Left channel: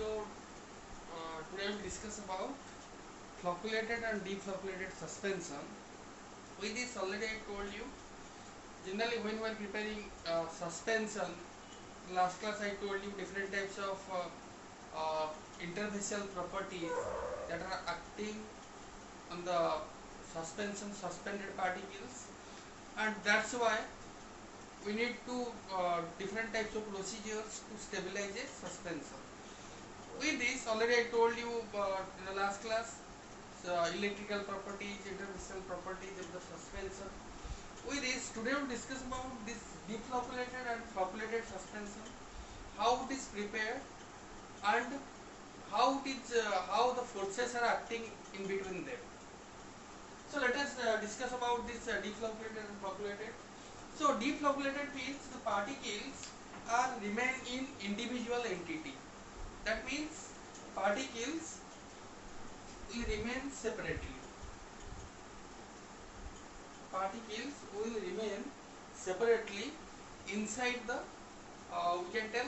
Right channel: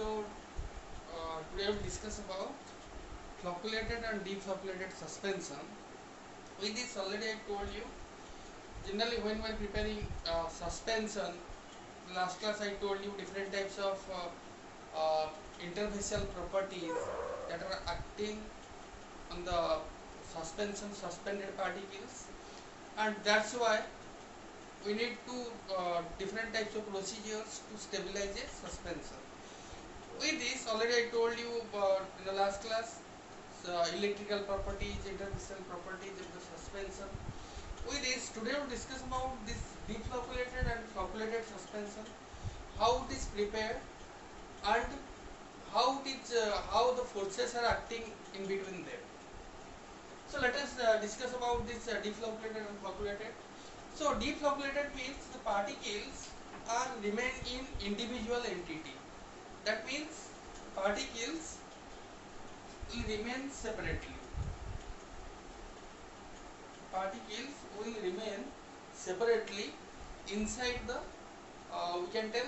So today we will discuss about flocculated and deflocculated suspension. With this already I told you, generally when we are preparing suspension, last class I told you different types of interfacial properties that are acting on the suspension suspended particles, and that's why we need to different types of procedures to stabilize a suspension. With this already I told you in the last class electrical properties, interfacial properties of the suspension. With this today we will discuss about this deflocculated and flocculated suspension, how it is prepared and how the forces are acting in between them. So let us discuss about this deflocculated and flocculated. So deflocculated means the particles are remain in individual entity. That means particles will remain separately. Particles will remain separately inside the we can tell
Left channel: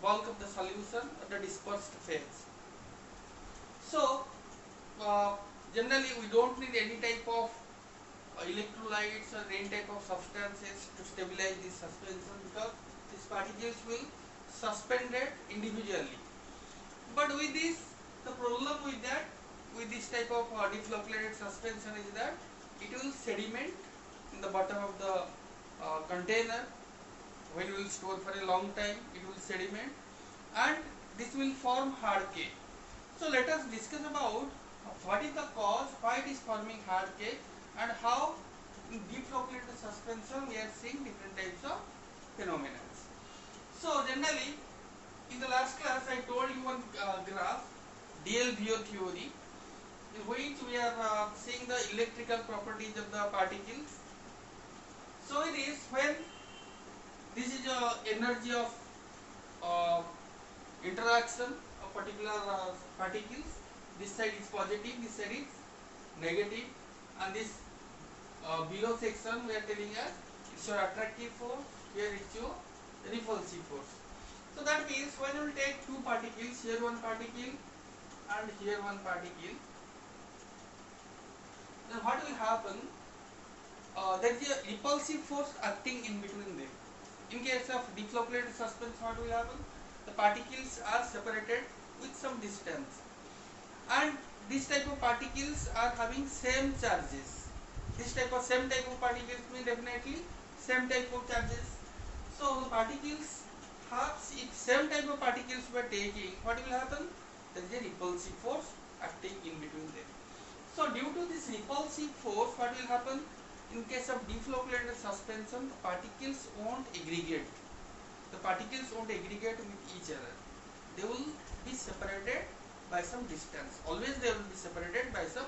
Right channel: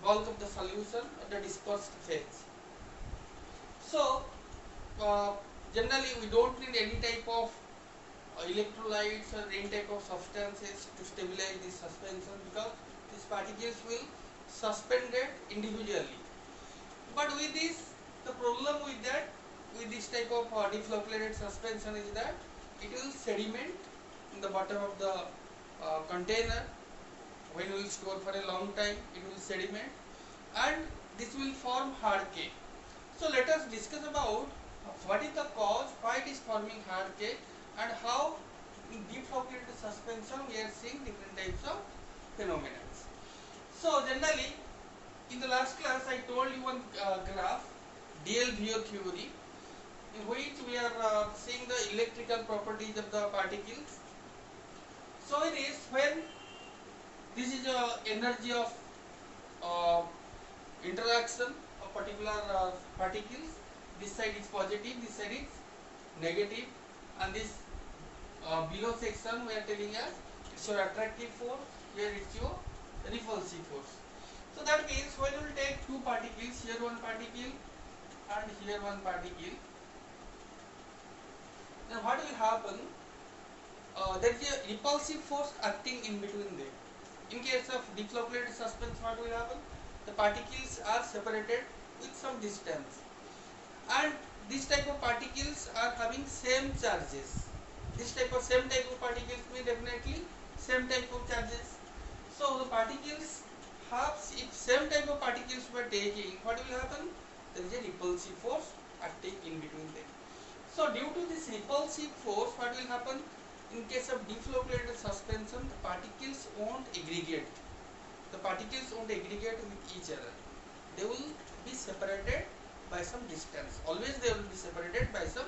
bulk of the solution at the dispersed phase. So generally we don't need any type of electrolytes or any type of substances to stabilize this suspension, because these particles will suspended individually. But with this, the problem with that, with this type of deflocculated suspension is that it will sediment in the bottom of the container. When we will store for a long time, it will sediment and this will form hard cake. So let us discuss about what is the cause, why it is forming hard cake, and how in deflocculated suspension we are seeing different types of phenomena. So generally in the last class I told you one graph, DLVO theory, in which we are seeing the electrical properties of the particles. So it is when this is the energy of interaction of particular particles. This side is positive, this side is negative, and this below section we are telling us it's your attractive force, here it's your repulsive force. So that means when we will take two particles, here one particle and here one particle, then what will happen? There is a repulsive force acting in between them. In case of deflocculated suspension, what will happen? The particles are separated with some distance, and this type of particles are having same charges. This type of same type of particles mean definitely same type of charges. So the particles have, if same type of particles we are taking, what will happen? There is a repulsive force acting in between them. So due to this repulsive force, what will happen? In case of deflocculated suspension, the particles won't aggregate. The particles won't aggregate with each other. They will be separated by some distance. Always they will be separated by some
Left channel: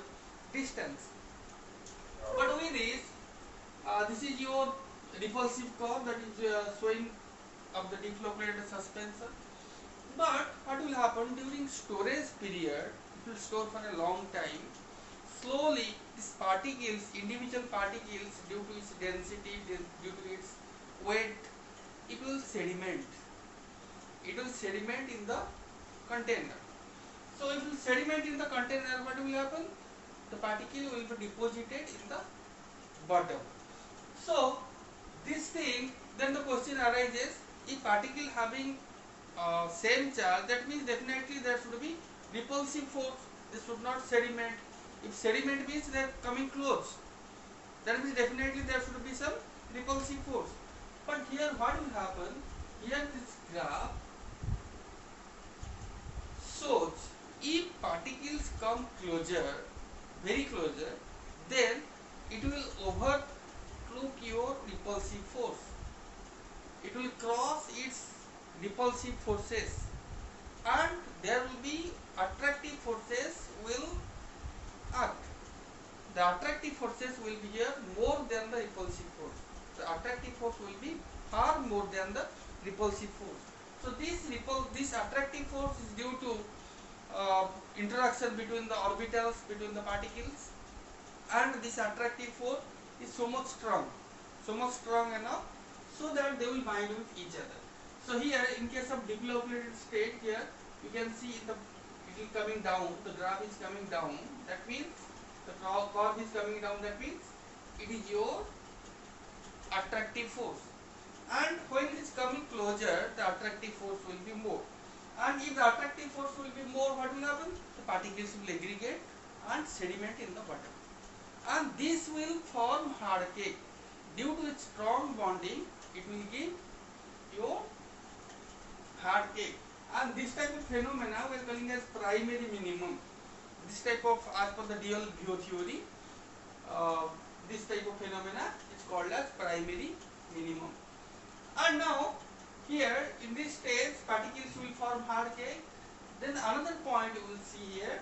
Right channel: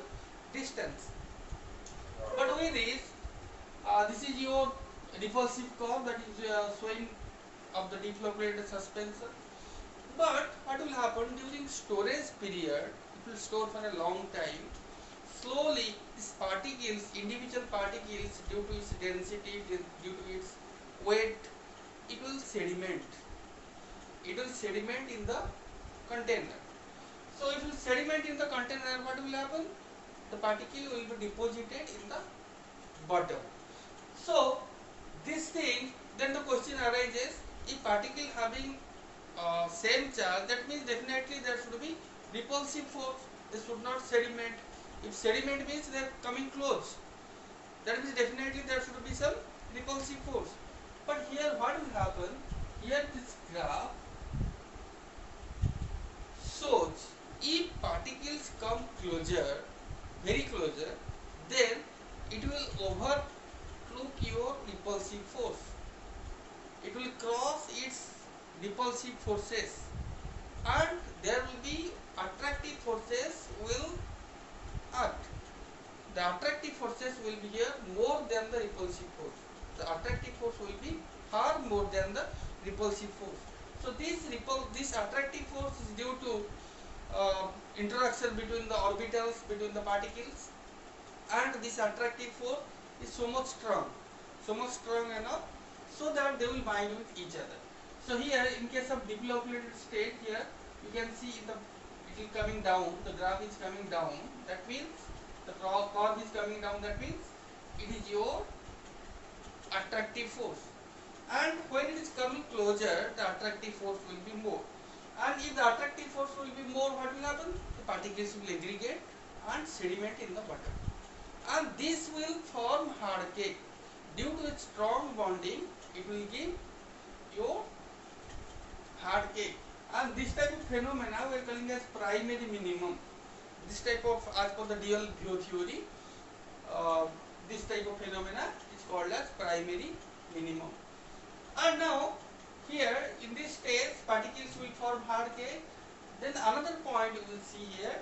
distance. But with this is your repulsive curve that is showing of the deflocculated suspension. But what will happen during storage period? It will store for a long time. Slowly these particles, individual particles, due to its density, due to its weight, it will sediment. It will sediment in the container. So if it will sediment in the container, what will happen? The particle will be deposited in the bottom. So this thing, then the question arises, if particle having same charge, that means definitely there should be repulsive force. They should not sediment. If sediment means they are coming close, that means definitely there should be some repulsive force. But here what will happen? Here this graph shows if particles come closer, very closer, then it will overlook your repulsive force. It will cross its repulsive forces, and there will be attractive forces will act. The attractive forces will be here more than the repulsive force. The attractive force will be far more than the repulsive force. So this attractive force is due to interaction between the orbitals, between the particles, and this attractive force is so much strong enough so that they will bind with each other. So here in case of deflocculated state, here you can see it is coming down, the graph is coming down, that means the curve is coming down, that means it is your attractive force. And when it is coming closer, the attractive force will be more. And if the attractive force will be more, what will happen? The particles will aggregate and sediment in the water. And this will form hard cake. Due to its strong bonding, it will give your hard cake. And this type of phenomena we are calling as primary minimum. This type of, as per the dual view theory, this type of phenomena is called as primary minimum. And now here in this stage particles will form hard cake. Then another point you will see here,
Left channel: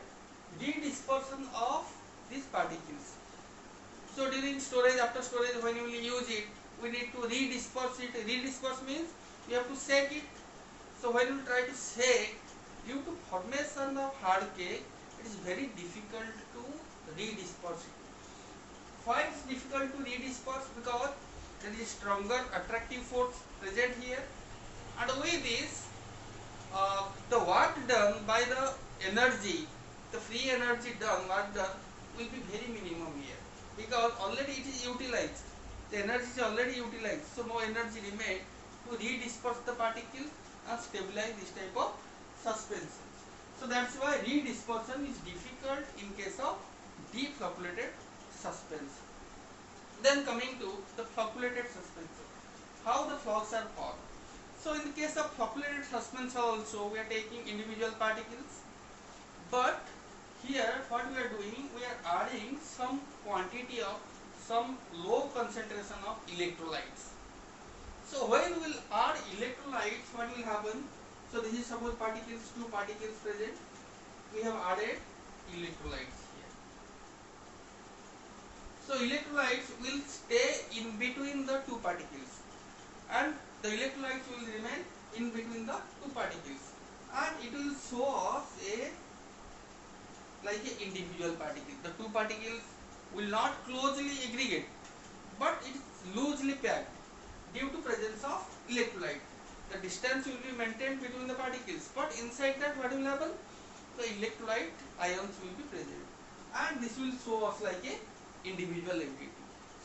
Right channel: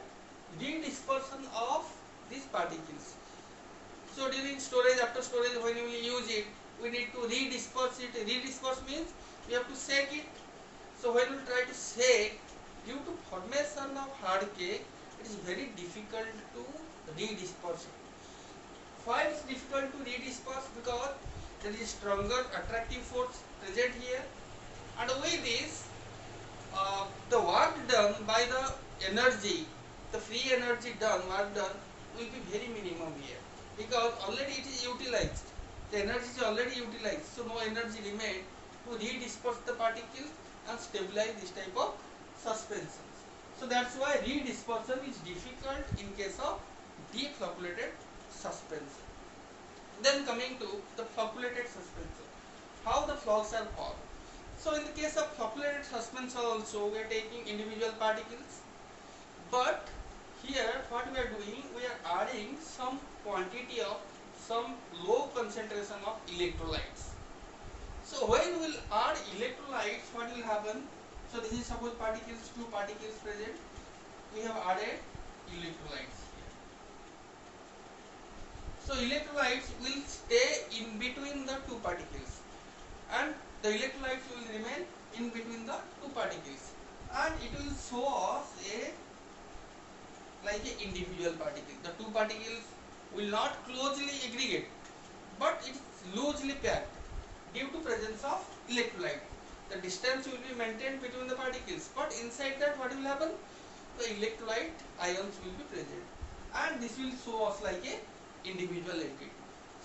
redispersion of these particles. So during storage, after storage, when we will use it, we need to redisperse it. Redisperse means we have to shake it. So when we try to shake, due to formation of hard cake, it is very difficult to redisperse it. Why it is difficult to redisperse? Because there is stronger attractive force present here, and with this the work done by the energy, the free energy done, work done will be very minimum here, because already it is utilized, the energy is already utilized, so no energy remains to redisperse the particles and stabilize this type of suspensions. So that's why redispersion is difficult in case of deep flocculated suspension. Then coming to the flocculated suspension, how the flocks are formed. So in the case of flocculated suspension also we are taking individual particles, but here what we are doing, we are adding some quantity of some low concentration of electrolytes. So when we will add electrolytes, what will happen? So this is suppose particles, two particles present, we have added electrolytes here. So electrolytes will stay in between the two particles, and the electrolytes will remain in between the two particles, and it will show us a like a individual particle. The two particles will not closely aggregate, but it is loosely packed due to presence of electrolyte. The distance will be maintained between the particles, but inside that what will happen? The electrolyte ions will be present, and this will show us like a individual entity.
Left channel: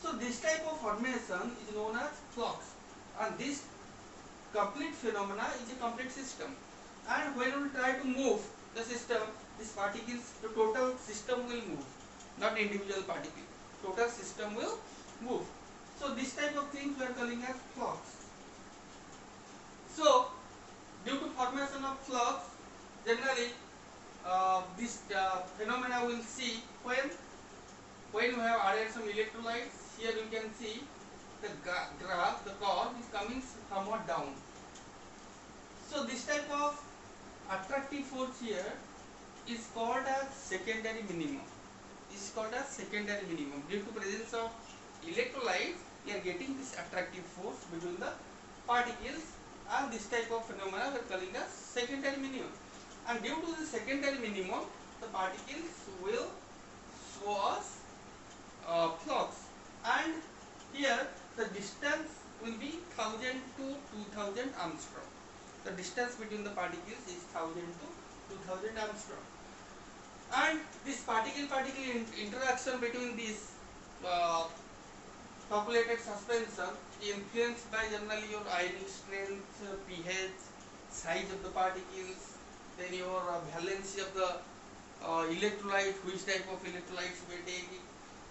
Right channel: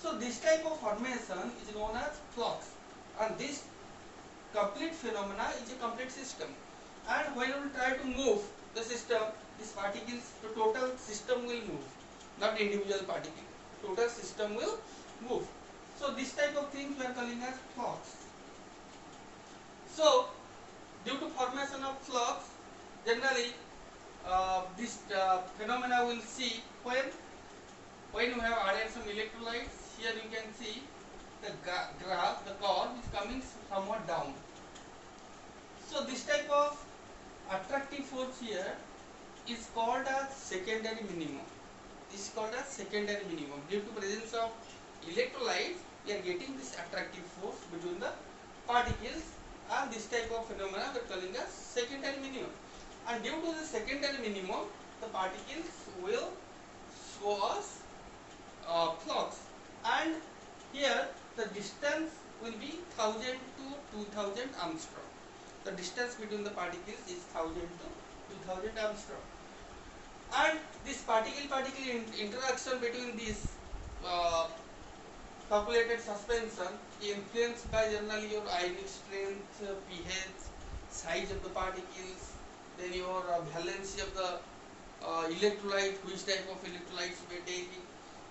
So this type of formation is known as flux, and this complete phenomena is a complete system. And when we try to move the system, these particles, the total system will move, not individual particle. Total system will move. So this type of things we are calling as flux. So due to formation of flux, generally this phenomena will see when we have added some electrolytes. Here you can see the graph, the curve is coming somewhat down. So this type of attractive force here is called as secondary minimum. This is called as secondary minimum. Due to presence of electrolytes, we are getting this attractive force between the particles, and this type of phenomena we are calling as secondary minimum. And due to the secondary minimum, the particles will show us flux, and here the distance will be 1000 to 2000 Armstrong. The distance between the particles is 1000 to 2000 Armstrong, and this particle-particle interaction between these flocculated suspension influenced by generally your ionic strength, pH, size of the particles, then your valency of the electrolyte, which type of electrolytes we are taking.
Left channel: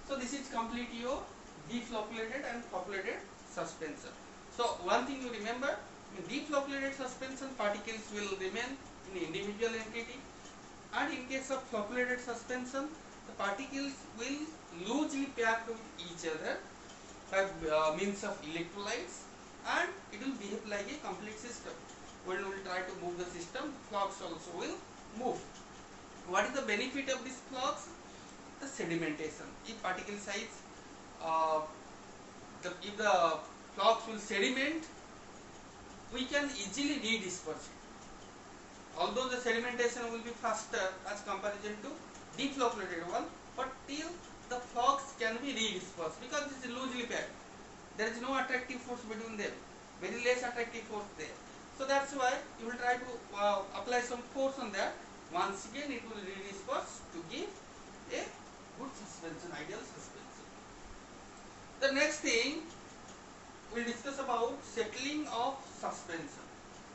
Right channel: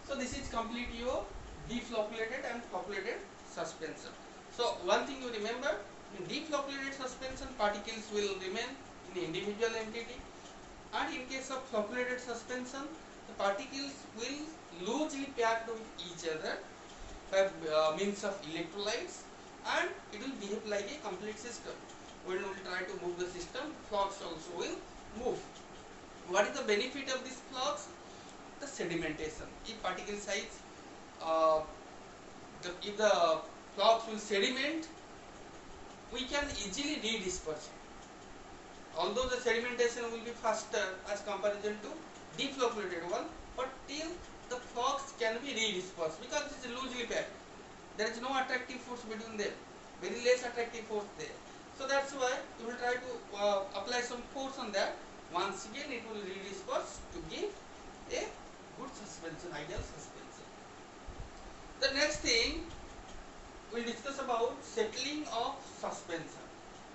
So this is complete your deflocculated and flocculated suspension. So one thing you remember, in deflocculated suspension particles will remain in individual entity, and in case of flocculated suspension the particles will loosely packed with each other by means of electrolytes, and it will behave like a complete system. When we will try to move the system, flux also will move. What is the benefit of this flux? The sedimentation. If particle size, if the flux will sediment, we can easily redisperse it. Although the sedimentation will be faster as comparison to deflocculated one, but still the flux can be redispersed because it is loosely packed. There is no attractive force between them, very less attractive force there. So that's why you will try to apply some force on that. Once again it will redisperse to give a good suspension, ideal suspension. The next thing we'll discuss about settling of suspension.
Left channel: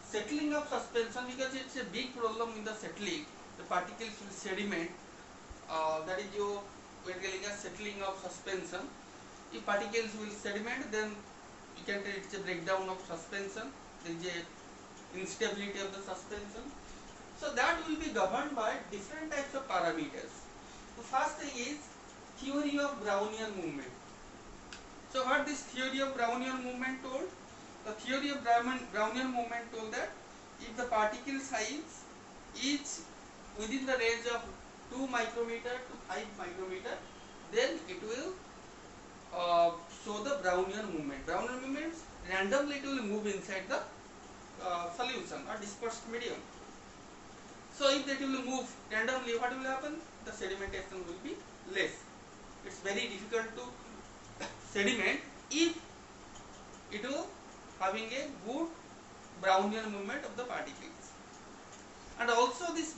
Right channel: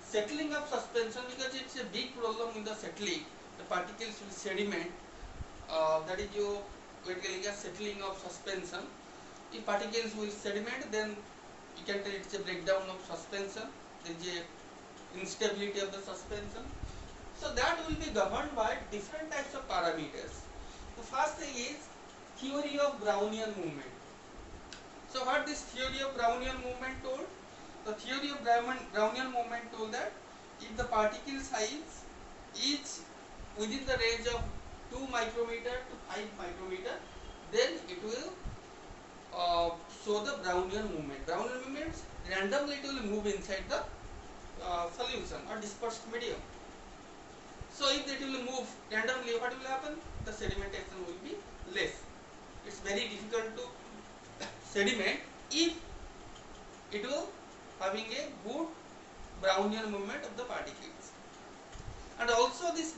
Settling of suspension, because it's a big problem in the settling. The particles will sediment. That is your we are telling a settling of suspension. If particles will sediment, then you can tell it's a breakdown of suspension. There is a instability of the suspension. So that will be governed by different types of parameters. The first thing is theory of Brownian movement. So what this theory of Brownian movement told? The theory of Brownian movement told that if the particle size is within the range of 2 micrometer to 5 micrometer, then it will show the Brownian movement. Brownian movement, randomly it will move inside the solution or dispersed medium. So if it will move randomly, what will happen? The sedimentation will be less. It's very difficult to sediment if it will having a good Brownian movement of the particles. And also this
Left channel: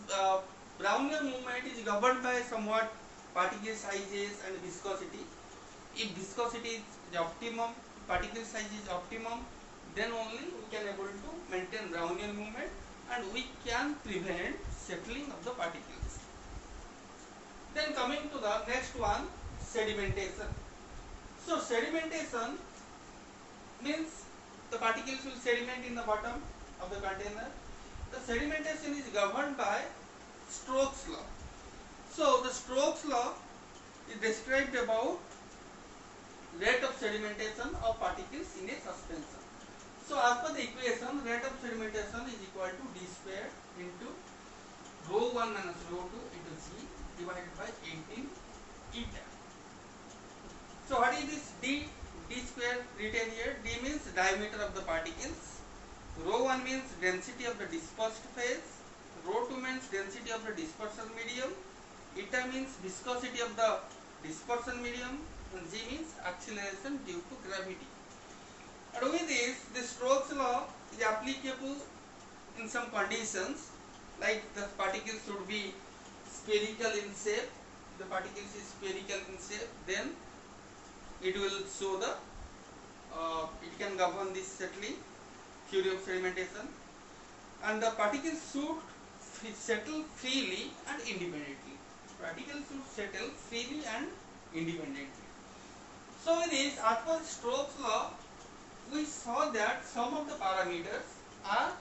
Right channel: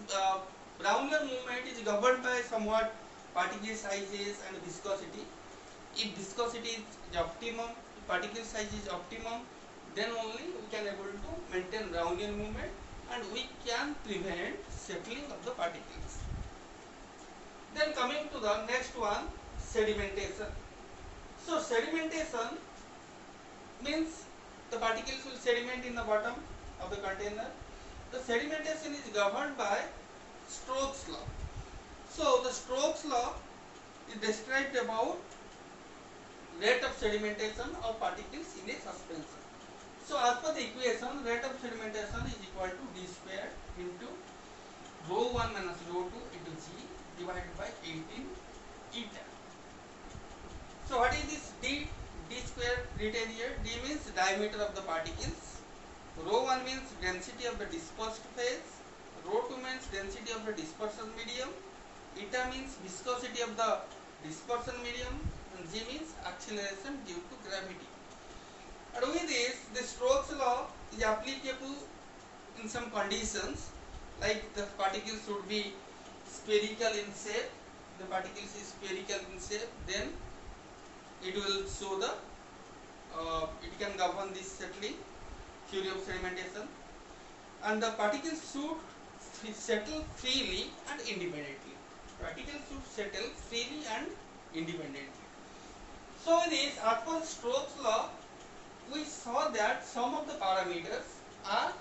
Brownian movement is governed by somewhat particle sizes and viscosity. If viscosity is optimum, if particle size is optimum, then only we can able to maintain Brownian movement and we can prevent settling of the particles. Then coming to the next one, sedimentation. So sedimentation means the particles will sediment in the bottom of the container. The sedimentation is governed by Stokes law. So the Stokes law is described about rate of sedimentation of particles in a suspension. So as per the equation, rate of sedimentation is equal to d square into rho 1 minus rho 2 into g divided by 18 eta. So what is this d? D square written here. D means diameter of the particles. Rho 1 means density of the dispersed phase. Rho 2 means density of the dispersion medium. Eta means viscosity of the dispersion medium. And G means acceleration due to gravity. And with this, the Stokes law is applicable in some conditions, like the particles should be spherical in shape. The particles is spherical in shape, then it will show the it can govern this settling, theory of sedimentation, and the particles should settle freely and independently. Particles should settle freely and independently. So with this, as per Stokes law, we saw that some of the parameters are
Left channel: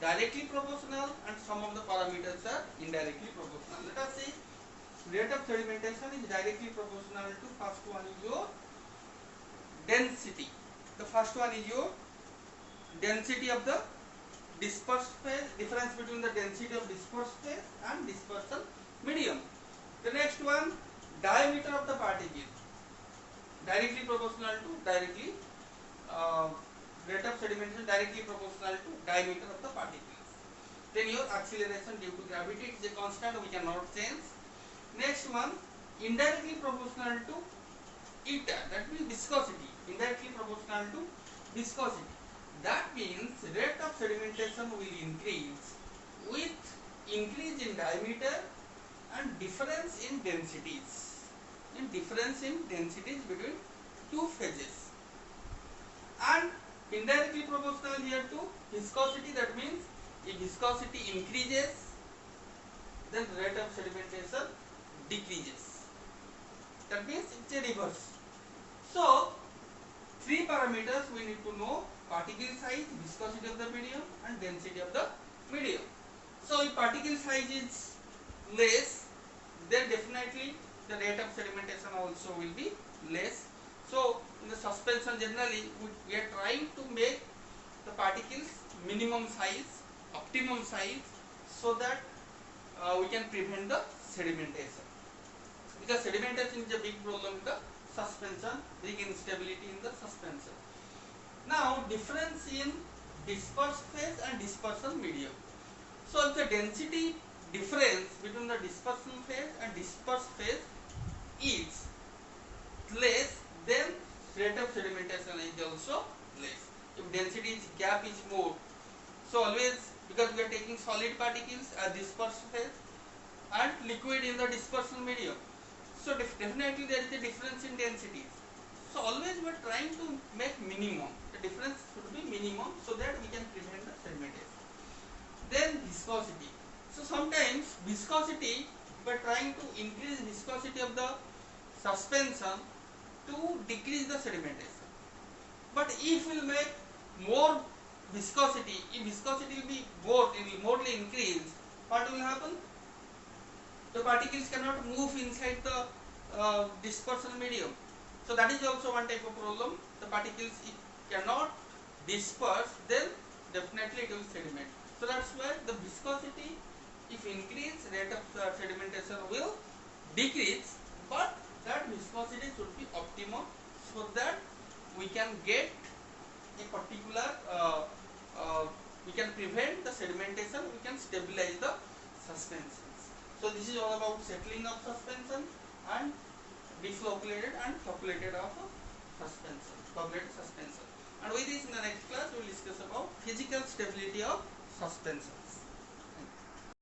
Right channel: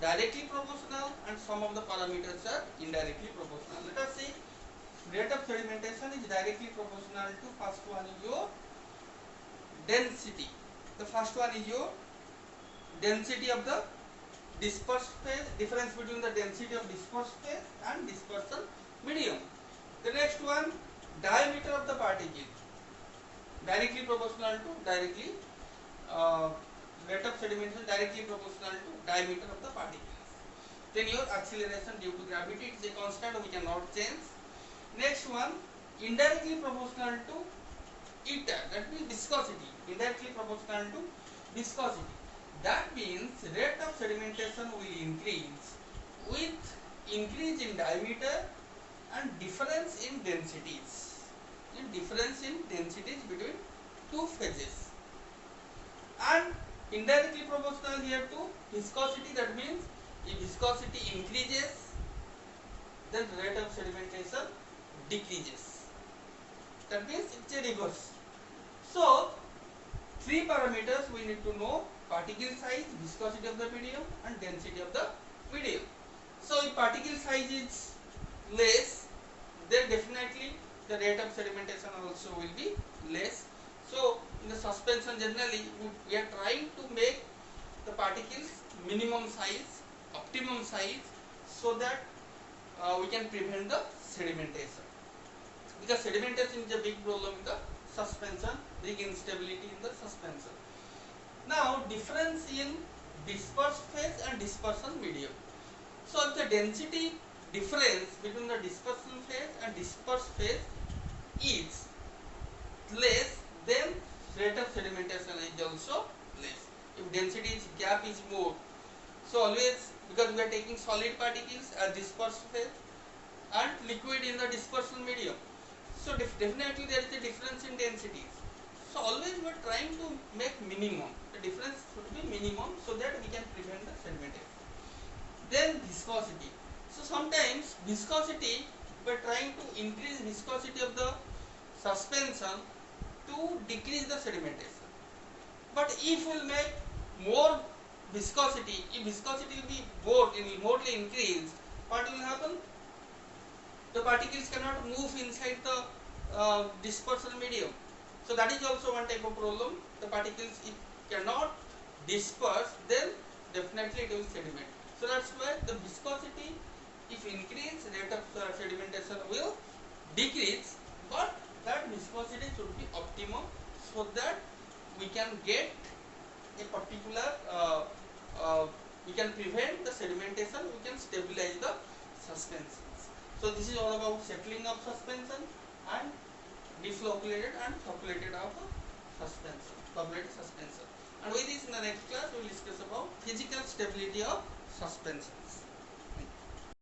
directly proportional and some of the parameters are indirectly proportional. Let us see, rate of sedimentation is directly proportional to first one is your density. The first one is your density of the dispersed phase, difference between the density of dispersed phase and dispersion medium. The next one, diameter of the particle, directly proportional to directly rate of sedimentation directly proportional to diameter of the particles. Then your acceleration due to gravity, it is a constant, we cannot change. Next one, indirectly proportional to eta, that means viscosity, indirectly proportional to viscosity. That means rate of sedimentation will increase with increase in diameter and difference in densities. Difference in densities between two phases. And indirectly proportional here to viscosity, that means if viscosity increases, then rate of sedimentation decreases. That means it's a reverse. So three parameters we need to know: particle size, viscosity of the medium, and density of the medium. So if particle size is less, then definitely the rate of sedimentation also will be less. So in the suspension, generally we are trying to make the particles minimum size, optimum size, so that we can prevent the sedimentation. Because sedimentation is a big problem in the suspension, big instability in the suspension. Now difference in dispersed phase and dispersion medium. So if the density difference between the dispersion phase and dispersed phase is less, then rate of sedimentation is also less. If density gap is more, So always, because we are taking solid particles as dispersed phase and liquid in the dispersal medium, so definitely there is a difference in densities. So always we are trying to make minimum. The difference should be minimum so that we can prevent the sedimentation. Then viscosity. So sometimes viscosity, we are trying to increase viscosity of the suspension to decrease the sedimentation. But if we will make more viscosity, if viscosity will be morely increased, what will happen? The particles cannot move inside the dispersal medium. So that is also one type of problem. The particles, if cannot disperse, then definitely it will sediment. So that's why the viscosity, if increase, rate of sedimentation will decrease, but that viscosity should be optimum so that we can get a particular we can prevent the sedimentation, we can stabilize the suspensions. So this is all about settling of suspension and deflocculated and flocculated of suspension, flocculated suspension. And with this, in the next class we will discuss about physical stability of suspensions.